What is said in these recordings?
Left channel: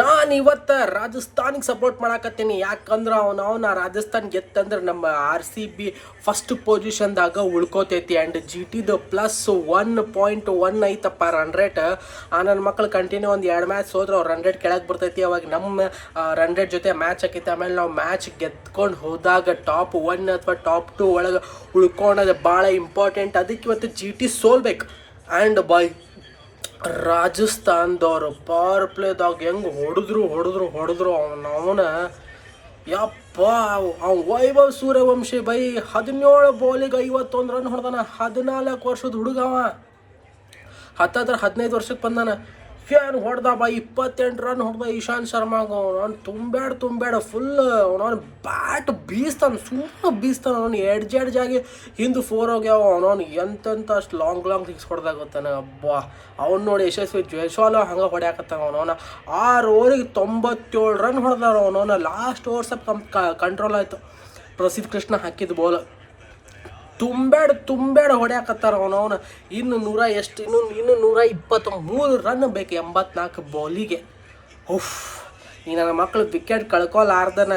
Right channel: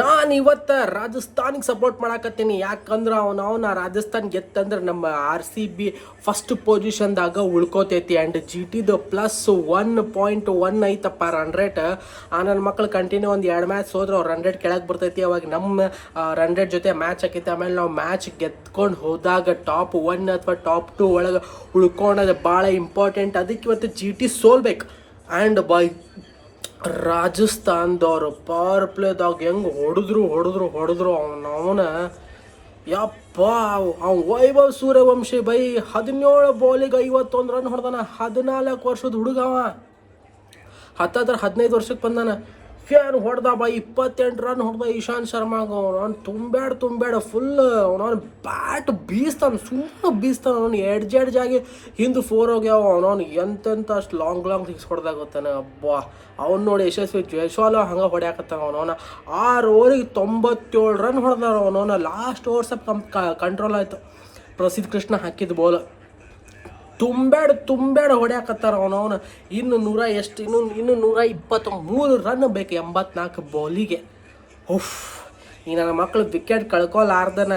ನಾನು ಇವತ್ತು ರಾಜಸ್ಥಾನಿಗೆ ಸಪೋರ್ಟ್ ಮಾಡಾಕತ್ತೀನಿ. ಯಾಕಂದ್ರೆ ಅವನು ಅವನ ರಾಜಸ್ಥಾನ್ ಗೆತ್ತಂದ್ರೆ ನಮ್ಮ ಆರ್ ಸಿ ಬಿ ಫಸ್ಟ್ ಪೊಸಿಷನ್ದಾಗ ಉಳ್ಕೋತೈತಿ. ಆ್ಯಂಡ್ ಜಿ ಟಿದು ಪ್ಲಸ್ ಒನ್ ಪಾಯಿಂಟ್ ಒನ್ ಐತಪ್ಪ ರನ್ ರೇಟ್ ಆ ನನ್ನ ಮಕ್ಳು ಕಂಟಿನ್ಯೂ ಒಂದು ಎರಡು ಮ್ಯಾಚ್ ಹೋದ್ರೆ ಅವ್ರು ರನ್ ರೇಟ್ ಕೆಳಗೆ ಬರ್ತೈತಿ. ಅವಾಗ ನಮ್ಮ ರನ್ ರೇಟ್ ಜೊತೆ ಮ್ಯಾಚ್ ಹಾಕೈತಿ ಆಮೇಲೆ ನಾವು ಮ್ಯಾಚ್ ಗೆದ್ಕೊಂಡು ಹೋದಾಗ ಟಾಪ್ ಒನ್ ಅಥವಾ ಟಾಪ್ ಟು ಒಳಗೆ ಉಳ್ಕೊಳೋದು ಭಾಳ ಇಂಪಾರ್ಟೆಂಟ್ ಅದಕ್ಕೆ ಇವತ್ತು ಜಿ ಟಿ ಸೋಲ್ಬೇಕು. ಆ್ಯಂಡ್ ಬೈ ರಾಜಸ್ಥಾನದವ್ರು ಪವರ್ ಪ್ಲೇದಾಗ ಹೆಂಗೆ ಹೊಡೆದ್ರು ಹೊಡೆದ್ರು ಹೊಡೆದ್ರು ಅವನ ಅವನ. ಯಪ್ಪ, ಅವ ವೈಭವ್ ಸೂರ್ಯವಂಶಿ ಬೈ ಹದಿನೇಳು ಬಾಲಿಗೆ ಐವತ್ತೊಂದು ರನ್ ಹೊಡೆದಾನ, ಹದಿನಾಲ್ಕು ವರ್ಷದ ಹುಡುಗವ ಹತ್ತಾದ್ರೆ ಹದಿನೈದು ವರ್ಷಕ್ಕೆ ಬಂದಾನ. ಏನು ಹೊಡೆದ ಬಾ, ಇಪ್ಪತ್ತೆಂಟು ರನ್ ಹೊಡೆದ ಇಶಾಂತ್ ಶರ್ಮಾಗ ಅವ್ನು ತುಂಬ್ಯಾಡ್, ತುಂಬ್ಯಾಡ ಫುಲ್ ಅವನವ್ನು ಬ್ಯಾಟ್ ಬೀಸ್ತಾನೆ ಸುಮ್ಮನೆ ಬೀಸ್ತಾನ ಅವ್ನು ಎಡ್ಜ್ ಎಡ್ಜ್ ಆಗಿ ಹಿಂದೆ ಫೋರ್ ಹೋಗ್ಯಾವ ಅವನವ್ನು ಎಂತೆಂಥ ಅಷ್ಟು ಲಾಂಗ್ ಲಾಂಗ್ ಸಿಕ್ಸ್ ಹೊಡೆದಾಗುತ್ತಾನೆ ಅಬ್ಬಾ. ಅವ್ನು ನೋಡಿ ಯಶಸ್ವಿ ಜೈಸ್ವಾಲ ಹಂಗೆ ಹೊಡ್ಯಾಕತ್ತಾನ ಅವನವನ ಆರು ಓವರಿಗೆ ತೊಂಬತ್ತೇಳು ರನ್ ಹೊಡೆದಾರ ಅವನವನ ಲಾಸ್ಟ್ ಓವರ್ಸ್ ಸ್ವಲ್ಪ ಕಂಟ್ರೋಲ್ ಆಯಿತು. ಪ್ರಸಿದ್ಧ ಕೃಷ್ಣ ಹಾಕಿದ ಬಾಲ್ ತುಂಬ್ಯಾಡ ತುಂಬ್ಯಾಡ ಹೊಡ್ಯಾಕತ್ತಾರ ಅವನವನ ಇನ್ನು ನೂರ ಎಷ್ಟು, ಇನ್ನು ಇನ್ನು ನೂರ ಇಪ್ಪತ್ತ, ಮೂರು ರನ್ ಬೇಕು ಎಂಬತ್ನಾಲ್ಕು ಬಾಲಿಗೆ ಉಫ್. ಈ ನನ್ನ ಮಕ್ಳು ವಿಕೆಟ್ ಕಳ್ಕೊಲಾರ್ದನ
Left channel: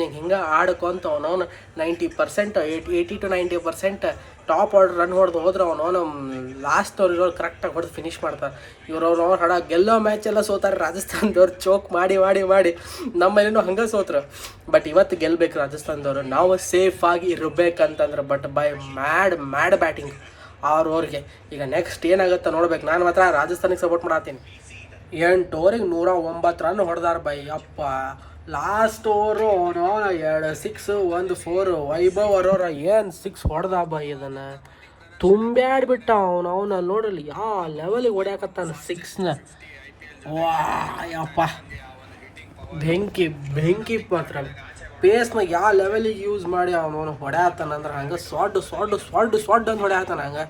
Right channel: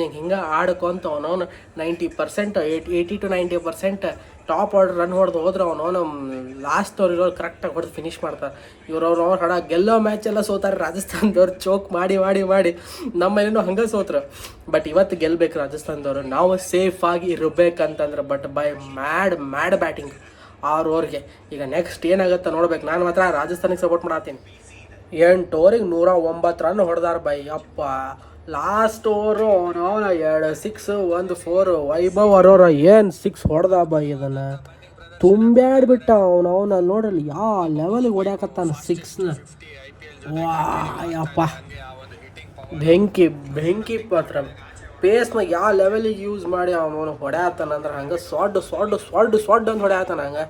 ನೀವು ಹಿಂಗೆ ಆಡ್ಕೊಂತ ಅವನವನು ninety percent eight eighty to ninety percent top order run ಹೊಡೆದು ಹೋದ್ರೆ ಅವನು ಲಾಸ್ಟ್ ಅವ್ರಿಗೆ ಕರೆಕ್ಟಾಗಿ ಹೊಡೆದು ಫಿನಿಶ್ ಮಾಡ್ತಾರೆ. ಇವ್ರು ಅವ್ರು ಹಡ ಗೆಲ್ಲೋ ಮ್ಯಾಚ್ ಎಲ್ಲ ಸೋತಾರೆ, ರಾಜಸ್ಥಾನದವ್ರು ಚೋಕ್ ಮಾಡಿ ಮಾಡಿ ಮಾಡಿ ನಮ್ಮನೇನು ಹಂಗೆ ಸೋತ್ರು. ಬಟ್ ಇವತ್ತು ಗೆಲ್ಬೇಕು ರಾಜಸ್ಥಾನದವರು. ನಾವು ಸೇಫ್ ಆಗಿ ಇರಬೇಕಂತಂದ್ರೆ ಬಟ್ ಬೈ ಮ್ಯಾಡ್ ಮ್ಯಾಡ್ ಬ್ಯಾಟಿಂಗ್ ಅವ್ರವ್ರಿಗೆ ಈಗ ನೆಕ್ಸ್ಟ್ ಏನಾಗುತ್ತೆ ನೋಡ್ಬೇಕು. ನಾನು ಮಾತ್ರ ರಾಜಸ್ಥಾನಿಗೆ ಸಪೋರ್ಟ್ ಮಾಡತ್ತೀನಿ ಎಂಟು ಓವರಿಗೆ ನೂರ ಒಂಬತ್ತು ರನ್ ಹೊಡೆದಾರ ಬೈ. ಅಪ್ಪ ಲಾಸ್ಟ್ ಓವರು ಅವನವನ ಎರಡು ಸಿಕ್ಸ್ ಒಂದು ಫೋರ್ ವೈಭವ್ ಅರೋರ ಏನು ಸಿಕ್ಸ್ ಹೊಡೆದ ಬೈ ಇದನ್ನು? ತುಂಬ್ಯಾಡ್ಬಿಟ್ಟ ಅವನವನ ನೋಡಲಿ ಯಾವ ಲೆವೆಲಿಗೆ ಹೊಡ್ಯಾಕತ್ತಾನ ಸಿಕ್ಸ್ನ ವಾ ಯಪ್ಪ ಬೆಂಕಿ ಬೆಂಕಿ ಮಾತ್ರ. ಪೇಸ್ನ ಯಾವ ಲೆವೆಲಿಗೆ ಯೂಸ್ ಮಾಡಿ ಅವನವನು ಹೊಡ್ಯಾತಾನ ಅಂದ್ರೆ ಹಂಗೆ ಸ್ವಾಡ್ ಸ್ವಾಡ್ ಸ್ವಾಡ್ ಸ್ವಾಡ್ ಅಂತ ಹೊಡ್ಯಾತಾನ ಹಂಗೆ.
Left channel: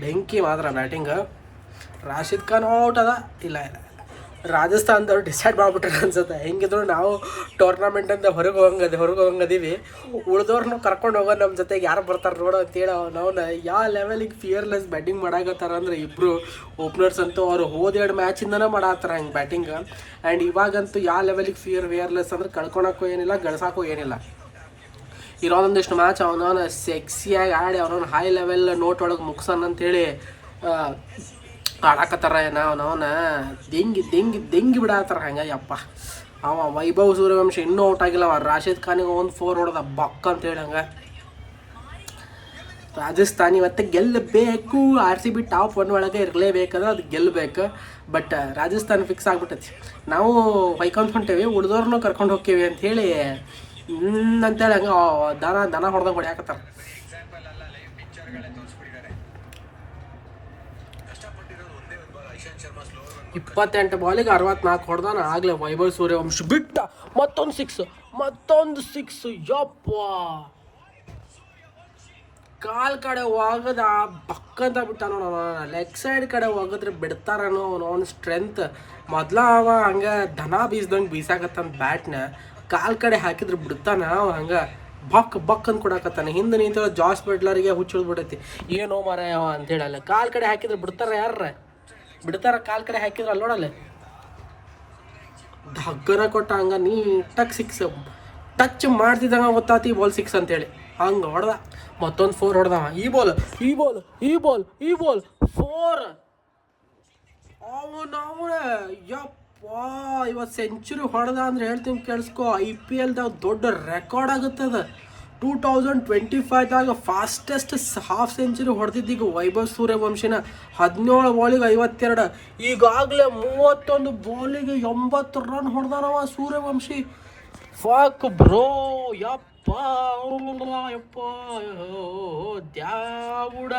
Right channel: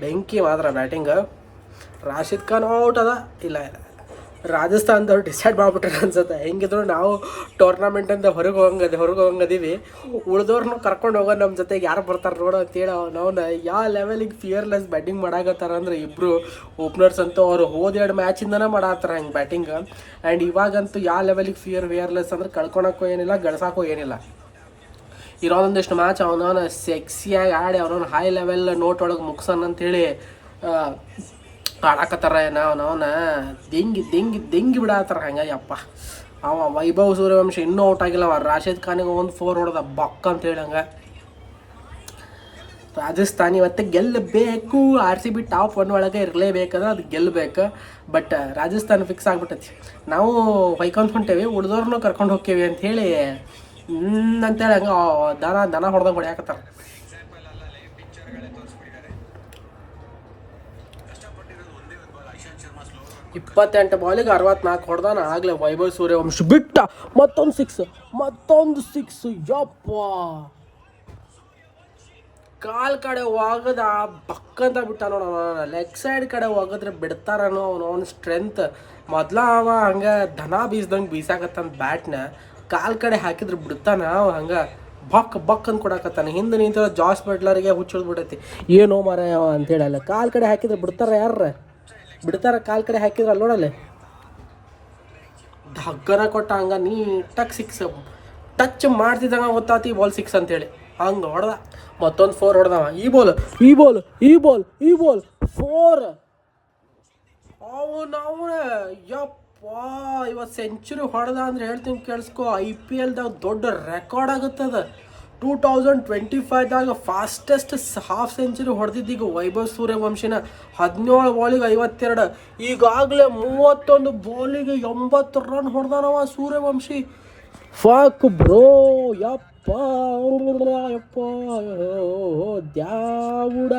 ಬೆಂಕಿ ಮಾತ್ರ ಬ್ಯಾಟಿಂಗ್ ರಾಶಿದ್ ಖಾನ್ ಔಟ್ ಅದ. ಇಲ್ಲ ಇಲ್ಲ ರಾಜಸ್ಥಾನದವ್ರು ಡಿಸೈಡ್ ಮಾಡ್ಬಿಟ್ರೆ ಅನ್ಸುತ್ತೆ. ಹೆಂಗಿದ್ರು ನಾವು ಟೂರ್ನಮೆಂಟ್ ಅಂತ ಹೊರಗೆ ಹೋಗಂಗದ ಹೊರಗೆ ಹೋಗಂಗದೀವಿ ಉಳಿದವ್ರನ್ನ ಕರ್ಕೊಂಡು ಹೋಗೋ ನಮ್ಮ ಜೊತೆಗೆ ಯಾರು ಬರ್ತಾರೆ ನೋಡೋ ಅಂತೇಳಿ ನಾವು ಯಾವ ಲೆವೆಲಿಗೆ ಫಿಯರ್ಲೆಸ್ ಬ್ಯಾಟಿಂಗ್ ಮಾಡಾಕತ್ತಾರ ಅಂದ್ರೆ ಇಬ್ಬರು ಓಪನರ್ಸ್ ಅಂತೂ ಅವ್ರು ಹೋದೆರಡು ಮ್ಯಾಚಿಂದನೇ ಮಾಡಾತ್ತಾರ ಹಂಗೆ ಬ್ಯಾಟಿಂಗ್ ಆ್ಯಂಡ್ ಇವಾಗಂತೂ ಯಾವ ಲೆವೆಲಿಗೆ ಫಿಯರ್ ಫಿಯರ್ಲೆಸ್ ಅಂದ್ರೆ ಕಳ್ಕೊಳಕ್ಕೂ ಏನಿಲ್ಲ ಗಳಿಸೋಕ್ಕೂ ಏನಿಲ್ಲ. ಇರೋದೊಂದಿಷ್ಟು ಮ್ಯಾಚ್ ಅವನವನ ಸೆಕ್ಸಿಯಾಗಿ ಆಡಿ ಅವನವನ ಹೈ ಲೆವೆಲ್ ನೋಟ್ ಒಳಗೆ ಮುಗ್ಸನ್ ಅಂತೇಳಿ ಆಡಾಕತ್ತಾರ ಏನೋ ಅವನವನ ದೆಂಗಿ ದೆಂಗಿ ದೆಂಗಿ ಬಿಡತ್ತಾರ ಹಂಗಾಗಿ ಅಪ್ಪ ಅವ ವೈಭವ್ ಸೂರ್ಯವಂಶ ಇನ್ನೂ ಔಟ್ ಆಗಿಲ್ಲ. ಅವ ರಾಶಿದ್ ಖಾನಿಗೆ ಒಂದು ಫೋರ್ ಹೊಡೆದ ಬಕ್ ಅಂತ ಹಂಗೆ. ಮತ್ತೆ ಇವತ್ತು ಗೆಲ್ಲಬೇಕು R C B top one ಒಳಗೆ ಇರಲೇಬೇಕಂದ್ರೆ ಅದು ಗೆಲ್ಲಬೇಕು ಬಟ್ ರಾಜಸ್ಥಾನ ಫಿಕ್ಸ್ ಆಗ್ಬಿಟ್ಟತಿ. ನಾವು ಹೊಯ್ಕೊಂತ ಹೊಂಟೇವಿ ಉಳಿದವ್ರನ್ನ ಕರ್ಕೊಂಡು ಹೋಗ್ತೀವಿ ಅಂತ ಅಂತೇಳಿ ಹಂಗೆ ದನ ದನ ಹೊಡೆದಂಗೆ ಹೊಡ್ಯಾಕತ್ತಾರ. ಇಪ್ಪತ್ತೆಂಟು ಬಾಲಿಗೆ ಅರವತ್ನಾಲ್ಕು ಹೊಡೆದಾನ. ಆಗಲೇ ವೈಭವ್ ಸೂರ್ಯವಂಶ ಬಿಟ್ಟ. ಮತ್ತೊಂದು ಸಿಕ್ಸ್ ಮತ್ತೊಂದು ಸಿಕ್ಸ್ ಯಪ್ಪ. ಕಾಲ್ ಕಡೆ ಹೋಗದ ಬಕ್ಕಂತ ಬಿಟ್ಟ ನೋಡೋಣ ಲೆಗ್ ಸೈಡ್ ಕಡೆ ಒಗದ್ರೆ ಬಿಡ್ತಾರನೋ ಅವನು. ಅವನ ಸ್ಟ್ರೆಂತ್ ಮೊದಲ ಅವ ಹಂಗೆ ದನ ಬೀಸ್ದಂಗೆ ಬೀಸಾಕತ್ತಾನ ಬ್ಯಾಟ್ನ ಕಾಲ್ ಕಡೆ ಹಾಕಿದ್ರೆ ಬಿಡ್ತಾನ ಅವ ಹಂಗೆ. ಬಕ್ ಬಕ್ ಅಂತ ಕೊಡಾಕತ್ತಾನ. ಹಿಂದೆ ನಿಂತ ಜಾಸ್ ಬೆಟ್ಲರಿಗೆ ಹುಚ್ಚಿದ್ ಬಿಡೈತಿ ಏನೋ ಮರ ಅಂತೇಳಿ ಅಲ್ಲ ಕಾಲ್ ಕಡೆ ಹಾಕಿದ್ರೆ ಬಿಡ್ತಾರ ಯಾರ ಬಿಡ್ತಾರ ಕಾಲ್ ಕಡೆ ಹಾಕಿದ್ರೆ ಅಲ್ಲಿ ನೋಡಲ್ಲ? ಧಗ್ಗರ ಕೊಟ್ಟ ಹಂಗ ನೀಟಾಗಿ ಸಿಕ್ಸ್ ಟಚ್ ಮಾಡ್ತಿದ್ದಂಗ ಗೊತ್ತಾತಿ ಬಾಲ್ ಸಿಕ್ಸ್ ಅಂತೇಳಿ. ಹಂಗೆ ಹೊಡೆದ. ಮತ್ತೊಂದು ಫೋರ್ ಹೊಡೆದವ. ಈ ಬಾಲ್ ಈ ಬಾಲ್ ಈ ಬಾಲ್ ಈ ಬಾಲ್ ಫೋರ್ ಅವನವನ ಯಪ್ಪ, ಇವತ್ತು ಸೆಂಚುರಿ ಹೊಡೆದ ಅಂದ್ರೆ ಹೇಳ್ತೀನಿ ಕೇಳಿಸ್ಕೊ. ಐ ಪಿ ಎಲ್ದಾಗ ದೊಡ್ಡ ರೆಕಾರ್ಡ್ ಆಗುತ್ತದ ಟೂ ತೌಸಂಡ್ ಟ್ವೆಂಟಿ ಫೈವ್ದಾಗ ಫಾಸ್ಟೆಸ್ಟ್ ಹಾಫ್ ಸೆಂಚುರಿ ಹೊಡೆದಿದ್ದೀಗ ವೈಭವ್ ಸೂರ್ಯವಂಶಿನ. ಹದಿನೇಳು ಬಾಲಿಗೆ ಐವತ್ತೆರಡು. ಈಗಾಗಲೇ ಮೂವತ್ತೊಂದು ಬಾಲಿಗೆ ಎಂಬತ್ತು ರನ್ ಹೊಡೆದಾನವ ಸೂರ್ಯವಂಶಿ. ಫಾಕ್ ಬ್ರೋ, ಯಪ್ಪ ಯಪ್ಪ ದ್ಯಾವುಡ.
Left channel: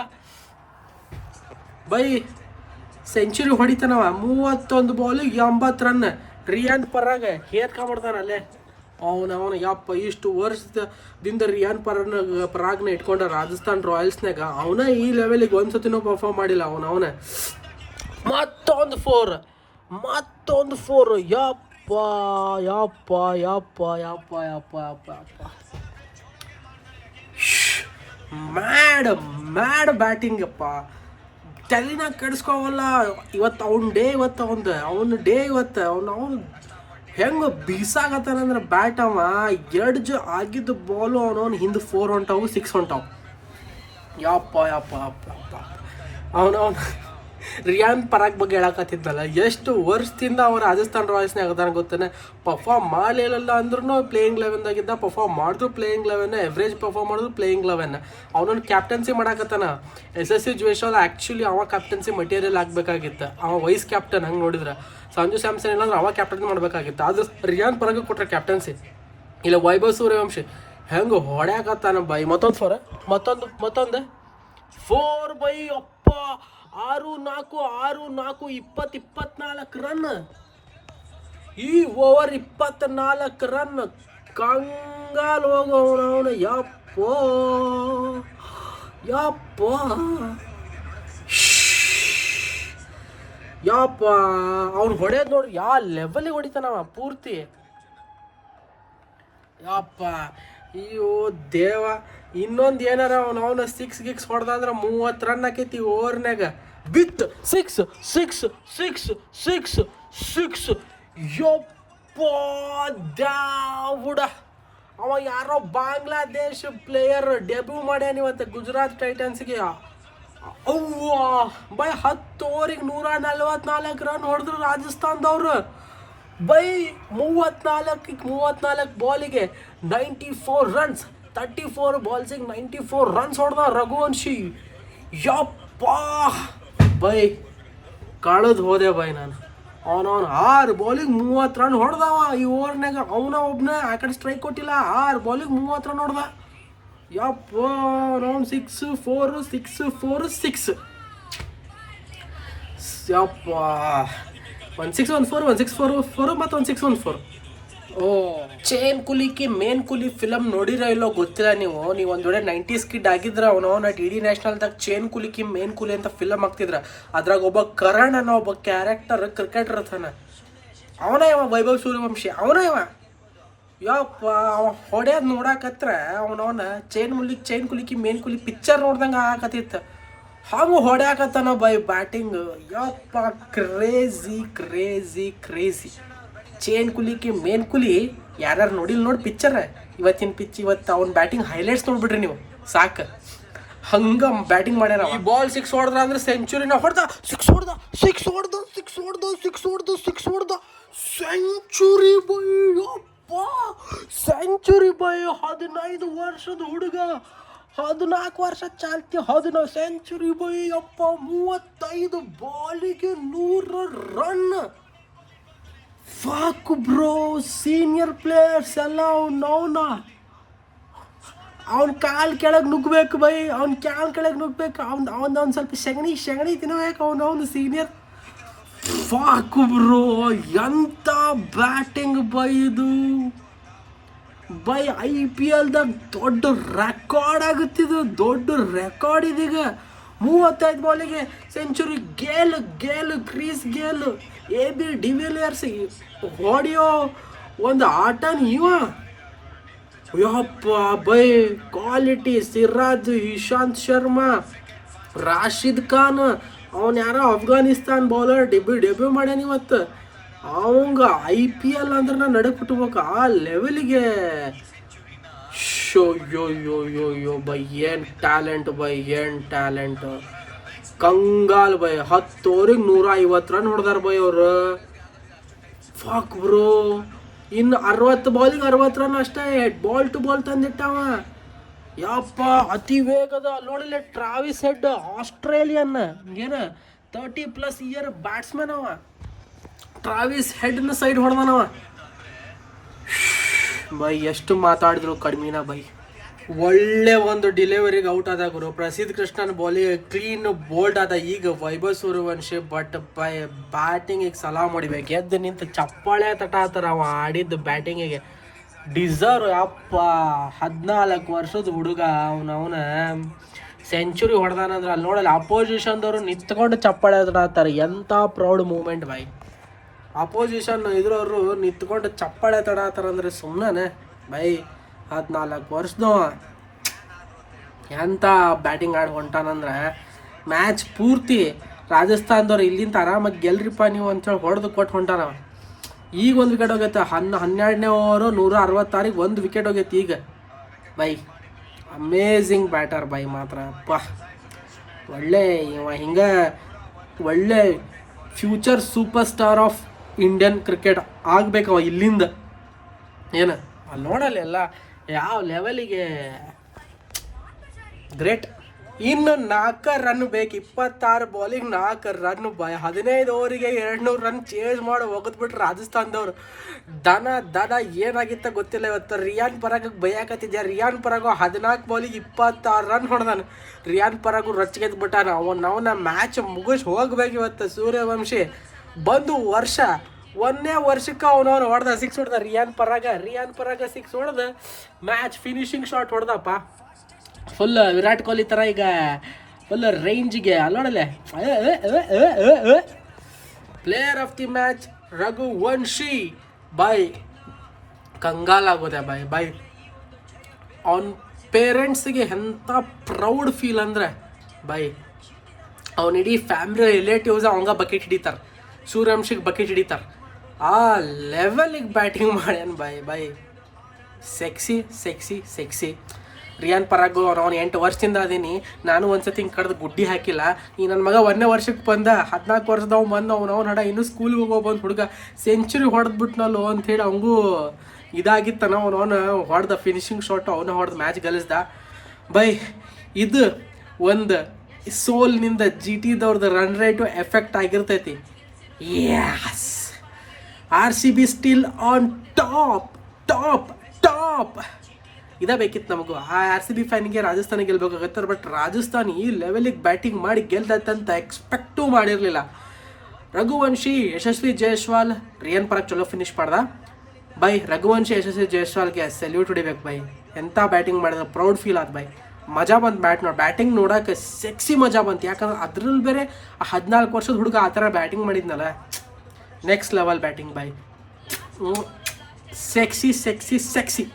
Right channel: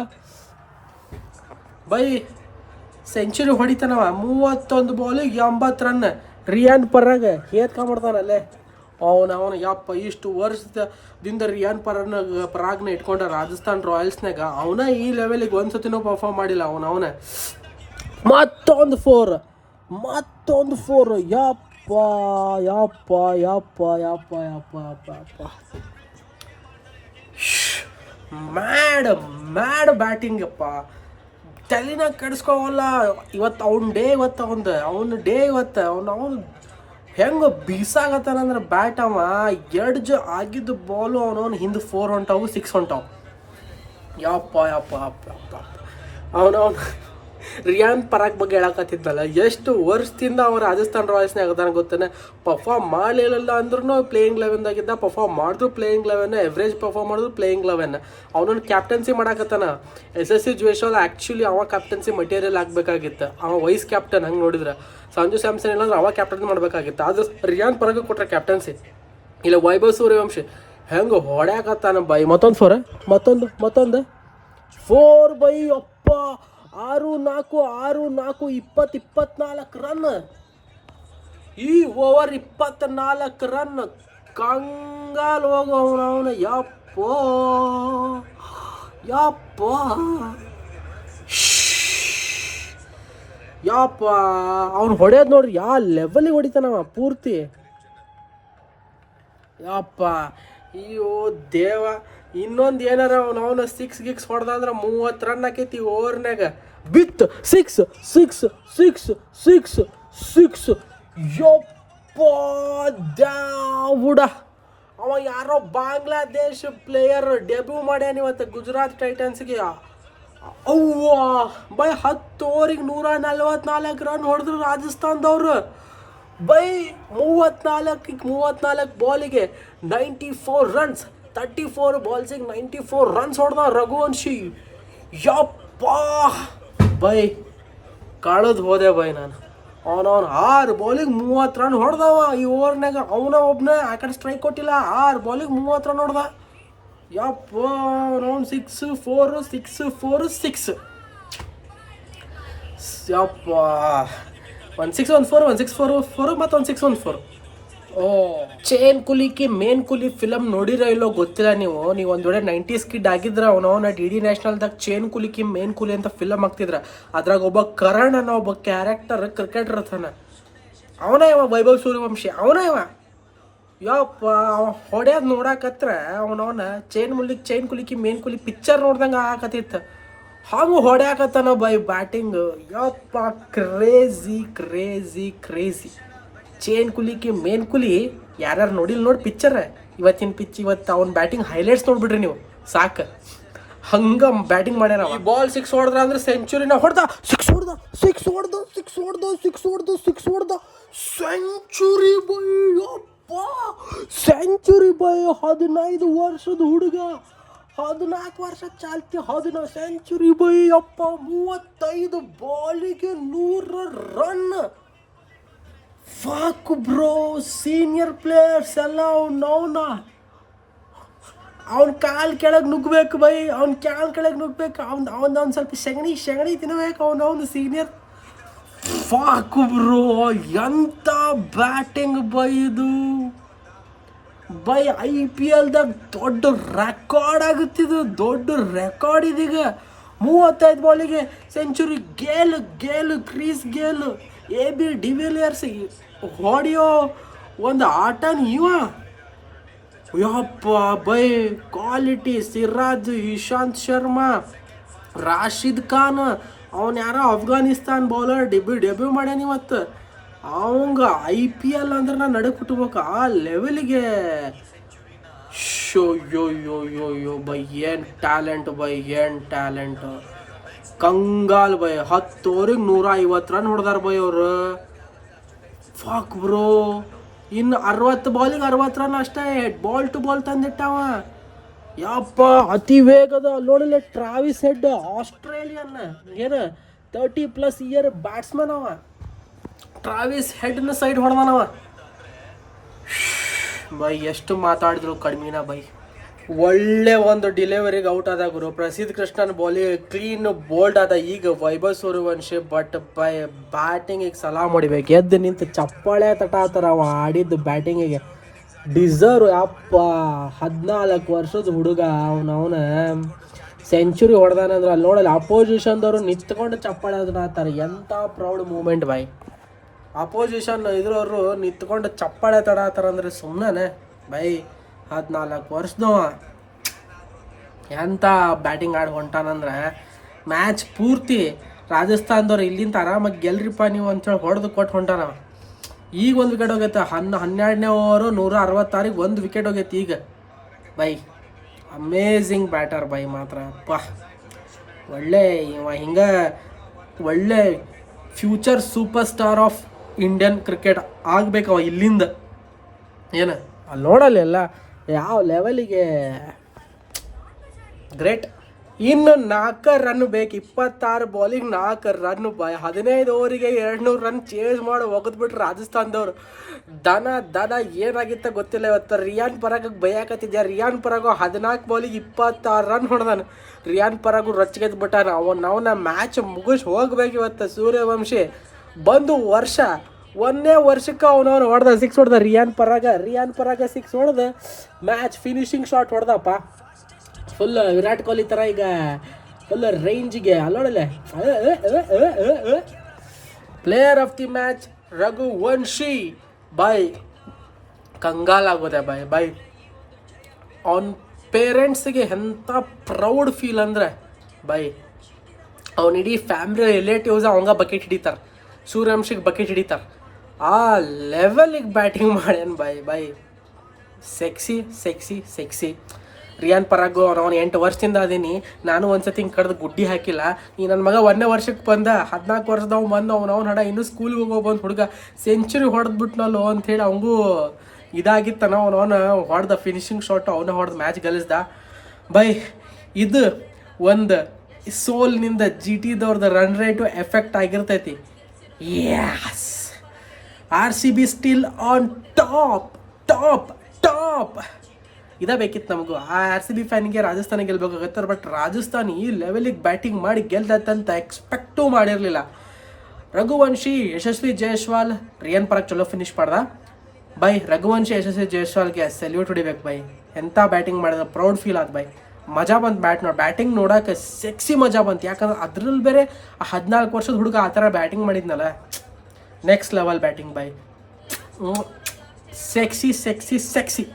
By, century ಹೊಡಿತಾನವ. ಮೂವತ್ತೊಂದು ಬಾಲಿಗೆ ಎಂಬತ್ತು ರನ್. ರಿಯಾನ್ ಪರ್ರಾಗ ಹೇರ್ಕೊಂಬಿಡ್ತಾನಲ್ಲೇ ಅವನು ಅವನ, ಯಪ್ಪ, ಇಷ್ಟು ವರ್ಷದಿಂದ ರಿಯಾನ್ ಪರನ ಪರಾಗ್ನ ಇಟ್ಕೊಂಡ ರಾಜಸ್ಥಾನ್ ರಾಯಲ್ಸ್ನಾಗ ಅವನ ಈ ಲೆವೆಲಿಗೆ ಒಂದ್ಸತಿನೂ ಪರ್ಫಾರ್ಮ್ ಮಾಡಿಲ್ಲ ಅವನ ಅವನ. ಮತ್ತೊಂದು ಫೋರ್ ಮತ್ತೊಂದು ಫೋರ್ ಯಪ್ಪ ಯಪ್ಪ ಯಪ್ಪ ಯಪ್ಪ ಯಪ್ಪ ಯಪ್ಪ ಯಪ್ಪ. ಮ್ಯಾಡ್ ಮ್ಯಾಡ್ ಬ್ಯಾಟಿಂಗ್ ಅಪ್ಪ ತಲೆನಾಗ ಕೆಡಿಸ್ಕೋವಲ್ಲ, ಇವತ್ತು ಅವ್ನ ಡೇ ಇವತ್ತು ಅವಂದು ಅವನ ಡೇ ಇವತ್ತು, ಅವ್ನು ಅವ್ನು ಹೆಂಗೆ ಬೀಸಾಗತ್ತಾನಂದ್ರೆ ಬ್ಯಾಟ್ ಅವ ಎರಡು ಜ ಆಗಿದ್ದು ಬಾಲು ಅವನವನು ಹಿಂದೆ ಫೋರ್ ಹೊಂಟಾವು ಸಿಕ್ಸ್ ಹೊಂಟಾವು. ಯಪ್ಪ ಯಪ್ಪ ಯಪ್ಪ ರಿಯಾನ್ ಪರಾಗ್ ಬಗ್ಗೆ ಹೇಳಕತ್ತಿದ್ನಲ್ಲ, ಎಷ್ಟು ವರ್ಷದಿಂದ ಅವ ರಾಜಸ್ಥಾನ್ ರಾಯಲ್ಸ್ನೇ ಅದಾನ ಗೊತ್ತೇನೆ? ಪರ್ಫಾರ್ಮ್ ಮಾಡಲಿಲ್ಲ ಅಂದ್ರೂ ಪ್ಲೇಯಿಂಗ್ ಲೆವೆನ್ದಾಗಿದ್ದ ಪರ್ಫಾರ್ಮ್ ಮಾಡಿದ್ರು ಪ್ಲೇಯಿಂಗ್ ಲೆವೆನ್ ಎವ್ರೇಜ್ ಪರ್ಫಾರ್ಮ್ ಮಾಡಿದ್ರು ಪ್ಲೇಯಿಂಗ್ ಲೆವೆನ್ ಅವನನ್ನು ಕ್ಯಾಪ್ಟನ್ಸಿ ಮಾಡಕತ್ತಾನ. ಎಸ್ ಎಸ್ ಸಿ ಜುವೇಶಲ್ ಆ್ಯಕ್ಚುಲಿ ಅವ ಕ್ಯಾಪ್ಟನ್ಸಿ ಮಟೀರಿಯಲ್ ಆಗಬೇಕಾಗಿತ್ತು. ಅವ ವೈಸ್ ಕ್ಯಾಪ್ಟನ್ ಹಂಗೆ ನೋಡಿದ್ರೆ. ಸಂಜು ಸ್ಯಾಮ್ಸನ್ ಇಲ್ಲಾಂದ್ರೆ ಅವ ಕ್ಯಾಪ್ಟನ್ ಮಾಡಬೇಕಾಗಿತ್ತು. ಆದ್ರೆ ರಿಯಾನ್ ಪರಗ ಕೊಟ್ರೆ ಕ್ಯಾಪ್ಟನ್ಸಿ ಇಲ್ಲ ವೈಭವ್ ಸೂರ್ಯವಂಶಿ. ಹೆಂಗೆ ಹೊಡ್ಯಾಕತ್ತಾನ ಬೈ ಮತ್ತೊಂದು ಫೋರ್ ಮತ್ತೊಂದು ಮತ್ತೊಂದು? ಫೋರ್ ಬೈ ಅಪ್ಪ, ಆರು ನಾಲ್ಕು ಆರು ನಾಲ್ಕು, ಇಪ್ಪತ್ತು, ಇಪ್ಪತ್ನಾಲ್ಕು ರನ್ ಈ ಓವರ್ ಇಪ್ಪತ್ನಾಲ್ಕು ರನ್ ಕಂಗಾಲ್ ಹೋಗೋವನು ಯಪ್ಪೋ ಯಪ್ಪೋ, ಯಪ್ಪ. ಯಪ್ಪ ಅವ್ನು ಹೊಡೆಯೋದು ನೋಡ್ರಿ ಯಾವ ಲೆವೆಲಿಗೆ ಹೊಡಿತಾನವ ಪೂರ್ತಿ. ಯಪ್ಪ ಅಯ್ಯೋ ದೇವ, ಇನ್ನೊಂದು ಏನಾರ ಅವ್ನು ಅವನ ಸಿಕ್ಸ್ ಗಿಕ್ಸ್ ಹೊಡೆದಂದ್ರೆ ಮೂವತ್ತು ರನ್ ಆಕೈತಿ ಓವರ್ನಾಗ ಬಿತ್ six six six six six ಯಪ್ಪ ದಾವುಡ ಅವ ಯಾರೋ ಬಾಂಗ್ಲಾದೇಶ್ ಪ್ಲೇಯರ್ ಡೆಬ್ಯೂ ಮಾಡ್ಯಾನ ಇವತ್ತು ಗುಜರಾತ್ ಟೈಟನ್ಸ್ಗೆ ಅವ್ವ, ಬೈ ಹತ್ತು ಓವರಿಗೆ ನೂರ ನಲ್ವತ್ನಾಲ್ಕು ರನ್ ಹೊಡೆದ್ರು ರಾಜಸ್ಥಾನದವ್ರು. ಬೈ ಮೂವತ್ನಾಲ್ಕಿಗೆ ಮೂವತ್ನಾಲ್ಕು ಬಾಲಿಗೆ ninety four runs thirty four ಬಾಲ್ಸಿಗೆ ninety four runs ಹೊಡೆದ ರಘುವಂಶಿ. ಯಪ್ಪಾ, ಬೈ ಕಳೆದು ಹೋದೆ ಬೈ ನಾನು. ಅವನವನು ಆರು ಬಾಲಿಗೆ ಮೂವತ್ತು ರನ್ ಹೊಡೆದವ ಈ ಓವರ್ನಾಗ ಅವನ ಒಬ್ಬನೇ ಆ ಕಡೆ ಸ್ಟ್ರೈಕ್ ಕೊಟ್ಟಿಲ್ಲ, ಆರು ಬಾಲಿಗೆ ಮೂವತ್ತು ರನ್ ಹೊಡೆದ. ಯಪ್ಪ ಅವನವನು six four six four six ಯಪ್ಪ one six one four one six four four ಮತ್ತು ಒನ್ ಸಿಕ್ಸ್ ಒನ್ ಫೋರ್ ಓ ಚೇನ್ ಕುಲಿಕಿ ಮೇನ್ ಕುಲಿ ಫಿಲಮ್ ನೋಡಿರೋ ಇಲ್ಲೋ ಗೊತ್ತಿಲ್ಲ ನೀವು. ನೀವು ಒಂದು ವೇಳೆ ನೈಂಟೀಸ್ ಕಿಡ್ ಆಗಿದ್ರೆ, ಅವನು ಡಿ ಡಿ ನ್ಯಾಷನಲ್ದಾಗ ಚೇನ್ ಕುಲಿಕಿ ಮೇನ್ ಕುಲಿ ಅಂತ ಫಿಲಮ್ ಆಗ್ತಿದ್ರ ಅದ್ರಾಗ ಒಬ್ಬ ಕರಣ್ ಅನ್ನೋ ಒಬ್ಬ ಕ್ಯಾರೆಕ್ಟರ್ ಕ್ರಿಕೆಟರ್ ಇರ್ತಾನ ಅವನೇ ಇವ ವೈಭವ್ ಸೂರ್ಯವಂಶಿ? ಅವನೇ ಇವ ಯಪ್ಪ, ಅವ ಹೊಡ್ಯೋದು ನೋಡಾಕತ್ರ ಅವನವನ ಚೈನ್ ಮುಲಿಕ್ ಚೈನ್ ಕುಲಿಕಿ ಮೇನ್ ಕುಲಿ ಪಿಕ್ಚರ್ ನೋಡ್ದಂಗೆ ಆಗಕತ್ತಿತ್ತು. ಹಾಗು ಹೊಡ್ಯಾಕತ್ತಾನ ಬೈ ಬ್ಯಾಟಿಂಗ್ ಯಪ್ಪ crazy crazy crazy Chain Kulii Ki Main Kulii, ಯಾರ್ಯಾರು ನೋಡಿಲ್ಲ ನೋಡಿ ಪಿಕ್ಚರ್ ಇವತ್ತಿನ ಪಿಚ್ ಇವತ್ತು ಅವ್ನ ಬ್ಯಾಟಿಂಗ್ ಹೈಲೈಟ್ಸ್ ನೋಡ್ಬಿಡ್ರಿ ನೀವು. ಸಾಕು. ಹಂಗ ಬ್ಯಾಟಿಂಗ್ ಮಾಡ್ಯಾರ ಬಾಲ್ ಸಿಕ್ಸ್ ಹೊಡೆದ್ರ ಅಂದ್ರೆ ಸೆಂಚುರಿನ ಹೊಡೆದ ಸಿಕ್ಸ್ ಹೊಡೆದ ಸಿಕ್ಸ್ ಹೊಡೆದ ಸಿಕ್ಸ್ ಹೊಡೆದ ಸಿಕ್ಸ್ ಹೊಡೆದ ಸಿಕ್ಸ್ ಹೊಡೆದ ಸೆಂಚುರಿ ಬೈ ಯಪ್ಪ ಸೆಂಚುರಿ ಬೈ ಹದಿನೈದು ವರ್ಷದ ಹುಡುಗ, ಹದಿನಾಲ್ಕು ವರ್ಷ ಚಾಲ್ತಿ, ಹದಿನೈದು ಸೆಂಚುರಿ ಬೈ ಅಪ್ಪ ಮೂವತ್ತೈದು ಬಾಲಿಗೆ ನೂರ run fuck bro senior players ಎಲ್ಲ ಅವ್ನ, ಅವನ. ಅವ್ನ ಕಾಲು ಕೆಳಗೆ ನುಗ್ಬೇಕು ಬೈ, ಅವ್ನ ಕಾಲ್ ಕೆಳಗೆ ನುಗ್ಬೇಕು ಅವ್ನ ಅವ್ನ, ಅವ್ನು ಸ್ವಲ್ಪ ಶಗಣಿ ಶಗಣಿ ತಿನ್ಬೇಕು ಅವ್ನು, ಅವನು ಸೀನಿಯರ್ ಫಾಕ್ ಬ್ರೋ ಎಂಥ ಬ್ಯಾಟಿಂಗ್ ಬೈ ಇದು ಬೈ ಐ ಪಿ ಎಲ್ದಾಗ ದೊಡ್ಡ ರೆಕಾರ್ಡ್ ಆಗುತ್ತಿದ್ದು ದೊಡ್ಡ ರೆಕಾರ್ಡ್ ಇದೀಗ. ಮೂವತ್ತೈದು ಬಾಲಿಗೆ century Gayle Gayle, Chris Gayle A B de Villiers ಹೊಡೆಯೋ ಒಂದು ಆಟ ಇವ. ಯಪ್ಪ ಬೈ ಕ್ವಾಲಿಟಿ ಸಿರಾಜ್, ಇಶಾಂತ್ ಶರ್ಮಾ, ರಾಶಿದ್ ಖಾನ್ ಅವನ್ಯಾರ ಅಫ್ಘಾನಿಸ್ತಾನ್ ಬೌಲರ್ ಡೆಬ್ಯೂ ಡೆಬ್ಯೂ ಮಾಡ್ಯಾನ ಇವತ್ತು. ಅವಂಗ ಐ ಪಿ ಎಲ್ ಅಂದ್ರೆ ನಾ ನಡೆ ಕುಟ್ಬೇಕು ಆ ಲೆವೆಲಿಗೆ show, yo yo yo yo, by, ಏನ್ ಟ್ಯಾಲೆಂಟ್ ಬೈ, ಏನ್ ಟ್ಯಾಲೆಂಟ್ ಕಂಗಾಲ್ ಬೈ ಹತ್ತು ಓವರಿಗೆ ನೂರ ಐವತ್ತು ರನ್ ಹೊಡೆದಾರ ಬೈ ಅವರು. ಫಾಕ್ ಬ್ರೋ ಇನ್ನು ಅರವತ್ತು ಬಾಲಿಗೆ ಅರವತ್ತು ರನ್ ಅಷ್ಟೇ ಬಾಲ್ ಟು ಬಾಲ್ ತಂದಿಟ್ಟವ. ಯಪ್ಪ, ಅತಿ ವೇಗದ. ನೋಡಿಲ್ಲ, ಟ್ರಾವಿಸ್ ಹೆಡ್ ಆಸ್ಟ್ರೇಲಿಯನ್. ಏನ ತರ್ಟಿ ಪ್ಲಸ್ ಇಯರ್ ಬ್ಯಾಟ್ಸ್ಮನ್ ಅವ. ಟ್ರಾವಿಸ್ ಹೆಡ್ನ ಸೈಡ್ ಹೊಡೆದನವ. ಬೈ, ಎಷ್ಟು ಮಾತಾಡಿದ್ರು ಕಡಿಮೆನ ಬೈ. ಒಳ್ಳೆ ಒಂದು ಡಿಲಿವರಿಗೆ ಔಟ್ ಆದ ಗುರು. ಪ್ರಸಿದ್ಧ ಕೃಷ್ಣನ್ ಬಾಲಿ ಕ್ಲೀನ್ ಬೋಲ್ಡ್ ಆದ ಈಗ ವೈಭವ್ ಸೂರ್ಯವಂಶಿ ಬಟ್ ಬೈ ಬ್ಯಾಟಿಂಗಿಗೆ ಸಲಾ ಮಾಡಿಬೇಕು ಎದ್ದು ನಿಂತು ಚಪ್ಪಾಳೆ ತಟ ಆತರ ಅವ ಆಡಿದ್ದು ಬ್ಯಾಟಿಂಗಿಗೆ ಡಿಸರ್ವ್ ಅಪ್ಪ ಹದಿನಾಲ್ಕು ವರ್ಷದ ಹುಡುಗ ಅವನ ಅವನ ಸೆಂಚುರಿ ಹೊಡೆದಾನಂದ್ರೆ ಅಲ್ಲಿ ನೋಡಲ್ಲ ಅಪೋಸಿಷನ್ದವರು ನಿಂತ್ಕೊಂಡು ಚಪ್ಪಾಳೆ ತಡಾತಾರೆ ಎಂಥ ಪ್ರೌಡ್ ಮೂಮೆಂಟ್ ಬಾಯ್ ಅಪೋಸಿಷನ್ ಇದ್ರವರು ನಿಂತ್ಕೊಂಡು ಚಪ್ಪಾಳೆ ತಡಾತಾರಂದ್ರೆ ಸುಮ್ಮನೆ ಬೈ ಹದಿನಾಲ್ಕು ವರ್ಷದವ. ಎಂಥ ಬ್ಯಾಟಿಂಗ್ ಆಡಿ ಹೊಂಟಾನಂದ್ರೆ ಮ್ಯಾಚ್ ಪೂರ್ತಿ ರಾಜಸ್ಥಾನದವ್ರು ಇಲ್ಲಿಂದ ಆರಾಮಾಗಿ ಗೆಲ್ರಿಪ್ಪ ನೀವು ಅಂತೇಳಿ ಹೊಡೆದು ಕೊಟ್ಟು ಹೊಂಟಾನ ಈಗ ಒಂದು ವಿಕೆಟ್ ಹೋಗೈತೆ, ಹನ್ನ ಹನ್ನೆರಡನೇ ಓವರು ನೂರ ಅರವತ್ತಾರಿಗೆ ಒಂದು ವಿಕೆಟ್ ಹೋಗೈತೆ ಈಗ. ಬೈ ಅಮೇಝಿಂಗ್ ಬ್ಯಾಟರ್ ಬೈ ಮಾತ್ರ. ಅಪ್ಪ, ಒಳ್ಳೆ ಇವ ಹಿಂಗೆ, ಒಳ್ಳೆ future super star of Indian cricket ಆಗ್ಬೇಕು ಅವ ಇಲ್ಲಿಂದ. ಏನು? ಅಲ್ಲಿ ನೋಡಲ್ಲ ಎಲ್ಲ ಯಾವ ಲೆವೆಲಿಗೆ ಗ್ರೇಟ್ ಇನ್ನು ನಾಲ್ಕು ರನ್ ಬೇಕು, ಇಪ್ಪತ್ತಾರು ಬಾಲಿಗೆ ನಾಲ್ಕು ರನ್ ಬಾಯ್. ಹದಿನೈದು ಓವರಿಗೆ ಎರಡು ನೂರು ರನ್ ಚೇಂಜ್ ಮಾಡಿ ಒಗದ್ಬಿಟ್ರು ರಾಜಸ್ಥಾನದವ್ರು. ದನ ದನ ಏನಾಗಿತ್ತ ಗೊತ್ತಿಲ್ಲ ಇವತ್ತು. ರಿಯಾನ್ ಪರಾಗ ಬೈಯಾಕತ್ತಿದ್ಯಾ? ರಿಯಾನ್ ಪರಾಗು ಹದಿನಾಲ್ಕು ಬಾಲಿಗೆ ಇಪ್ಪತ್ತಾರು ರನ್ ಹೊಡೆದಾನ ರಿಯಾನ್ ಪರಾಗು ಅವ ನಾವು ಅವನ ಮ್ಯಾಚ್ ಮುಗಿಸ್ ಹೋಗ್ಬೇಕು ಇವತ್ತು ಸೂರ್ಯವಂಶಿ. ಬಂದು ವರ್ಷ ಒಂದೇ ವರ್ಷಕ್ಕೆ ಅವನವನು ಹೊಡೆದ ಸಿಕ್ಸ್ ಹೊಡೆದ. ರಿಯಾನ್ ಪರಾಗ ರಿಯಾನ್ ಪರಾಗ ಸಿಕ್ಸ್ ಹೊಡೆದ ಮ್ಯಾಚ್ ಫಿನಿಶಿಂಗ್ ಶಾಟ್ ಹೊಡೆದಪ್ಪ. ಫುಲ್ ವಿರಾಟ್ ಕೊಹ್ಲಿ ಥರ ಈಗ ಫುಲ್ ರೇಂಜಿಗೆ ಅಲ್ಲೋಡಲೆ player of the match Raghuvanshi. By. ಕಂಗಾಲಾಗೋದೆ ಬೈ ಬೈ. ಅವನ ಪೇರೆಂಟ್ಸಿಗೆ ಎಂಥ ಪ್ರೌಡ್ ಫೀಲ್ ಅಂದರೆ, ಬೈ. ಅವನ ಇಡೀ ಫ್ಯಾಮಿಲಿ ರಿಲೇಟಿವ್ಸ್ ಅವಂಗ ಬಕೆಟ್ ಹಿಡಿತಾರೆ. ಸೂರ್ಯವಂಶಿಗೆ ಬಕೆಟ್ ಹಿಡಿತಾರೆ. ಆ ಲೆವೆಲಿಗೆ ಬ್ಯಾಟಿಂಗ್ ಮಾಡ್ಯಾನ ಬೈ by sexy sexy sexy Riyan Parag ಅವ್ರು ಅವ್ನು ಎಂಟು ವರ್ಷದಿಂದ ಅದೀನಿ. ನಾನು ಒಂದ್ಸತಿ ಕಡ್ದು ಗುಡ್ಡಿ ಹಾಕಿಲ್ಲ. ಈ ನನ್ನ ಮಗ ಒಂದನೇ ವರ್ಷಕ್ಕೆ ಬಂದ. ಹದಿನಾಲ್ಕು ವರ್ಷದವ್ ಬಂದು ಅವ್ನು ಅವ್ನು ಹಡ ಇನ್ನೂ ಸ್ಕೂಲಿಗೆ ಹೋಗೋ ಬಂದು ಹುಡುಗ. ಸೆಂಚುರಿ ಹೊಡೆದ್ಬಿಟ್ನಲ್ಲೋ ಅಂಥೇಳಿ ಅವಂಗೂ ಇದಾಗಿತ್ತನ ಅವ್ನು, ಅವನು ಹೊಡೆದ ಫಿನಿಶಿಂಗ್ ಶಾಟ್ ಅವನು ಹೊಡೆದ ಮ್ಯಾಚ್ ಗೆಲ್ಲಿಸ್ದ ಬೈ, ಇದು ಒಂದು ಸೋಲ್ನಿಂದ ಜಿ ಟಿದವ್ರದ್ದು ರನ್ ರೇಟು ಎಫೆಕ್ಟ್ ಆಗಿರ್ತೈತಿ. Yes R C B top! Top top ಇದೇ ಬೇಕಿತ್ತು ನಮಗೂ. ಆ ಆರ್ ಸಿ ಬಿ ಫ್ಯಾನಿಗೆ ರಾಜಸ್ಥಾನ ಗೆಲ್ಬೇಕಾಗತ್ತೆ ಬಟ್ ರಾಜಸ್ಥಾನ್ ಈ ಲೆವೆಲಿಗೆ ಬ್ಯಾಟಿಂಗ್ ಮಾಡಿ ಗೆಲ್ದಂತ ಎಕ್ಸ್ಪೆಕ್ಟೂ ಮಾಡಿರಲಿಲ್ಲ. ರಘುವಂಶಿ, ಯಶಸ್ವಿ ಜೈಸ್ವಾಲ್, ರಿಯನ್ ಪರಕ್ ಚಲೋ ಫಿನಿಶ್ ಮಾಡ್ದ. ಬೈ, ರಘುವಂಶಿ, ಯಶಸ್ವಿ ಜಯಸ್ವಾಲ್ಗೆ ಸೆಲ್ಯೂಟ್ ಹೊಡಿಬೇಕು ಬೈ. ಎಂಥ ಬ್ಯಾಟಿಂಗ್ ಮಾಡಿದ ಪ್ರೌಡ್ ಫೀಲ್ ಆದ ಬೈ. ಮಜಾ ಬಂತು ಬ್ಯಾಟ್ ನೋಡಿ. ಬ್ಯಾಟಿಂಗ್ ನೋಡೋಕೆ ಸೆಕ್ಸಿ ಮಜಾ ಬಂತು. ಯಾಕಂದ್ರೆ ಅದ್ರಲ್ಲಿ ಬೇರೆ ಆ ಹದಿನಾಲ್ಕು ವರ್ಷದ ಹುಡುಗ ಆ ಥರ ಬ್ಯಾಟಿಂಗ್ ಮಾಡಿದ್ನಲ್ಲ. ನೆಕ್ಸ್ಟ್ ಲೆವೆಲ್ ಬ್ಯಾಟಿಂಗ್ ಬೈ ಸೆಕ್ಸಿ ಸೆಕ್ಸಿ ಸೆಕ್ಸಿ